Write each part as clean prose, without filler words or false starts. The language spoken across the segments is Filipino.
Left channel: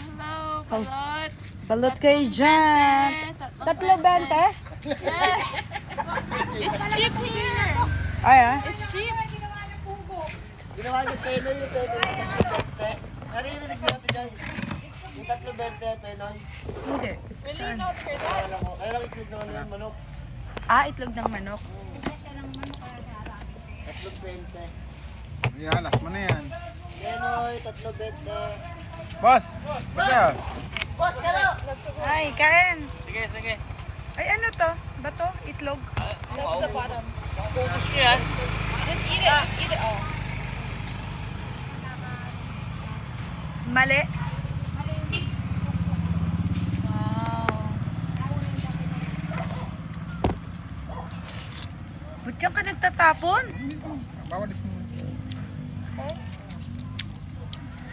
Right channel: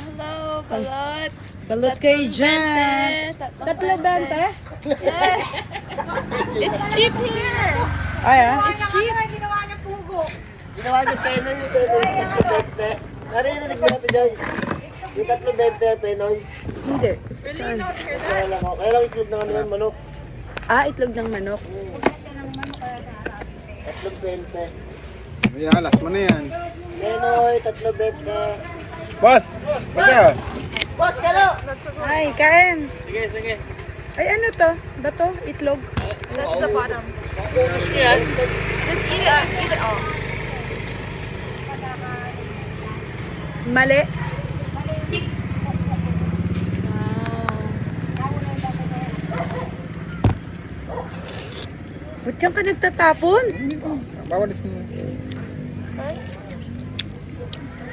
hello, balot. Balot kayo dyan. 3.20? Yes. It's cheap here. Ay, ah. It's cheap. Ginawa niyo Penoy, yung 3.20. Narinig mo natin dyan. Yung 3.20, Penoy. Hindi. Saan? Kaya lang ako. Kaya lang itlog ng ano yan, manok. Ah, itlog ng manok. 3.20. Ayan, last mo na yan. Penoy, 3.20. Boss! Baga! Boss, kalo! Ay, kain. Sige, sige. Ay, ano to? Bato? Itlog? That's the bottom. Yan. Just eat it. Just eat it all. Mali. Ba't yan ka nagtatapon? Hindi ko. Bawalis mo.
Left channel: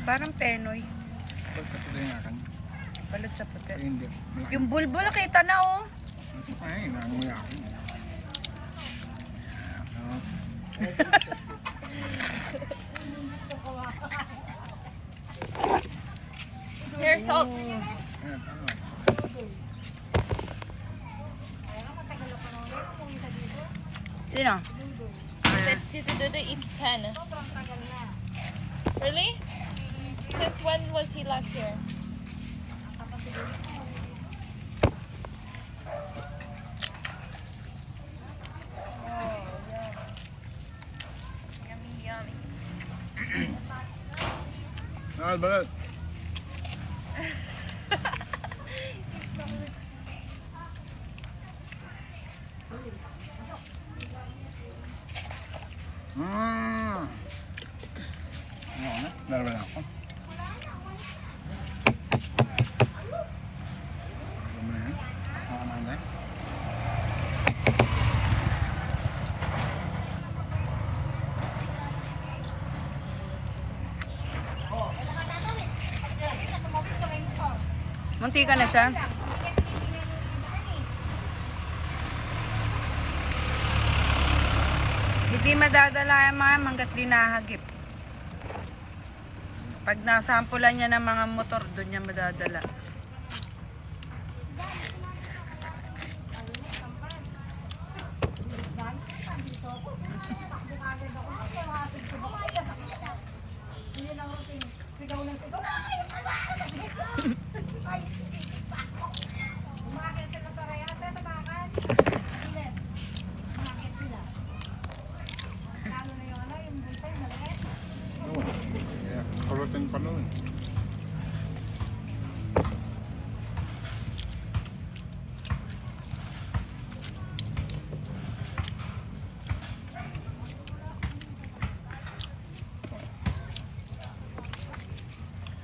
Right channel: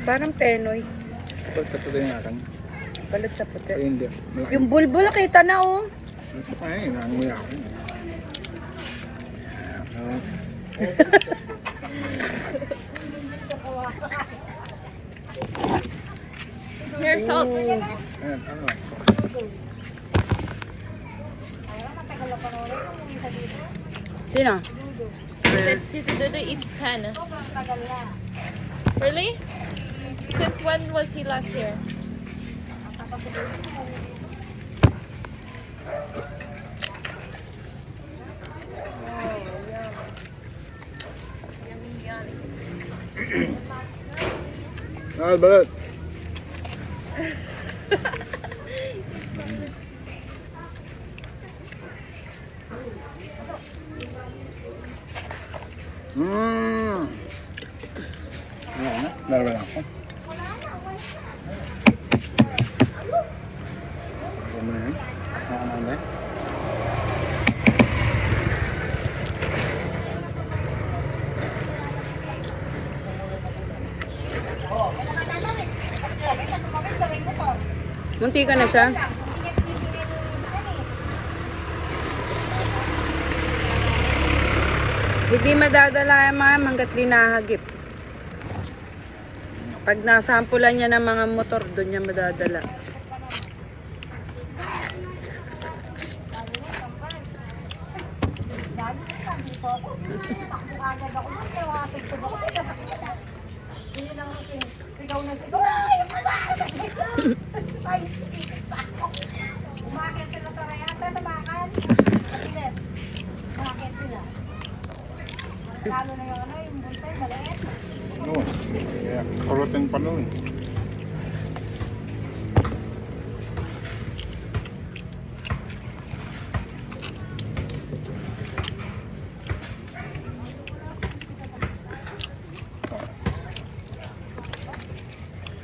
Parang Penoy. Tapos tapos yung akin. Balat sa Ay, puti. hindi. Malaki. Yung bulbul, kita na oh. Ay, nanguya ako. Here, salt. Ayan, ano? Sino? Tito Dodo eats 10. Really? Since when was he last here? Ah, balat. Ano na? Dalawa lang ako. Ano na yun? Saan ka na? Munti ka na siya. Hindi madadala yung mga hanggat di nahagip. Pag nasampulan niya ng mga motor, doon niya madadala. Oo. Kaya kurutin pa nun.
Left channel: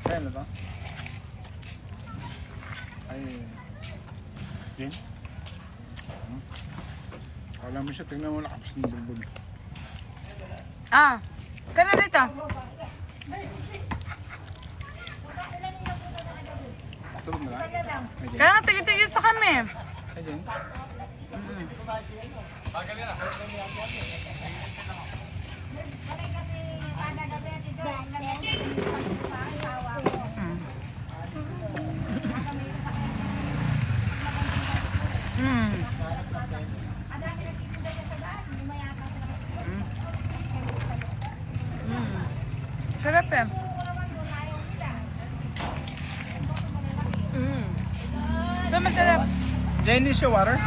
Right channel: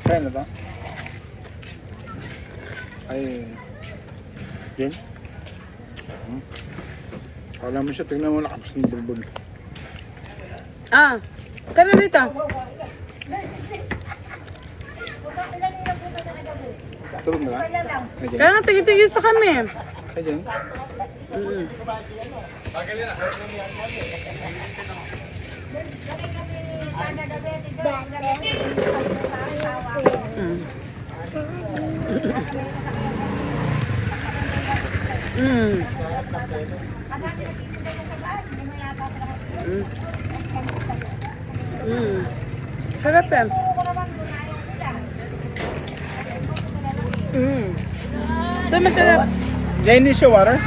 Kaya na ba? Ay, yun? Kala mo siya, tingnan mo nakapas ng bulbul. Ah, ka na rito. Tulog na ba? Ay, Kaya nga tigil-tigil sa kami. Ay, dyan. Mm. Mm. Mm. Mm. Mm. Sarap yan. Mm. Ito masarap. Yan hindi siya water?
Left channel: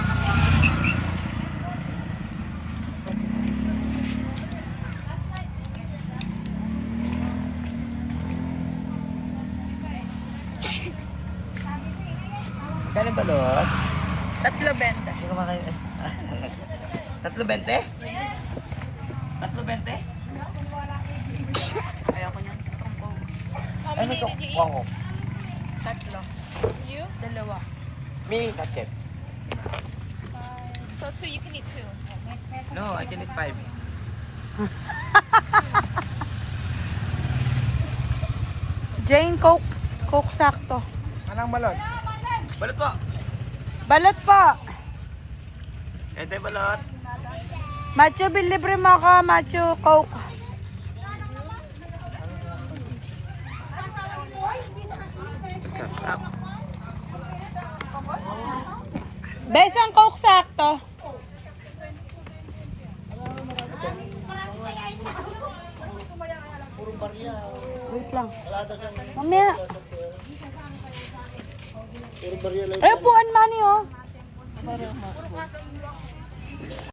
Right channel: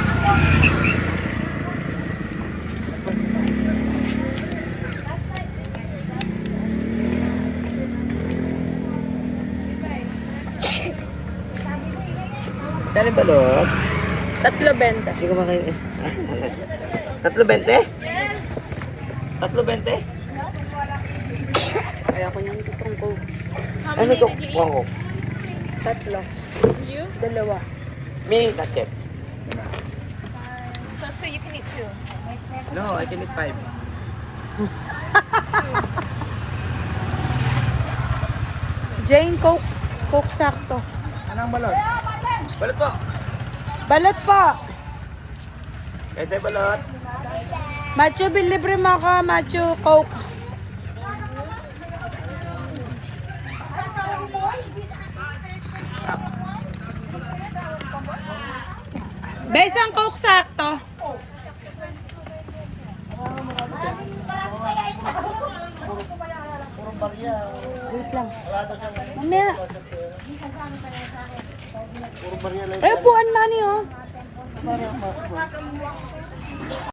Dali balot. 3.20. Sige ba kayo? 3.20? 3.20? Kaya ko niyang gustong ko. How Ay, many may did you eat? kukuha ko. 3. You? 2. Ming takip. So you can eat 2. No, I can eat 5. Jane, Coke. Coke sakto. Anong balot? Balot po. Balot po. Ete balot. Macho, libre mo ka. Macho, Coke. Besang Coke sakto. Wait lang. Mamaya. Eh, upuan, Manny, oh.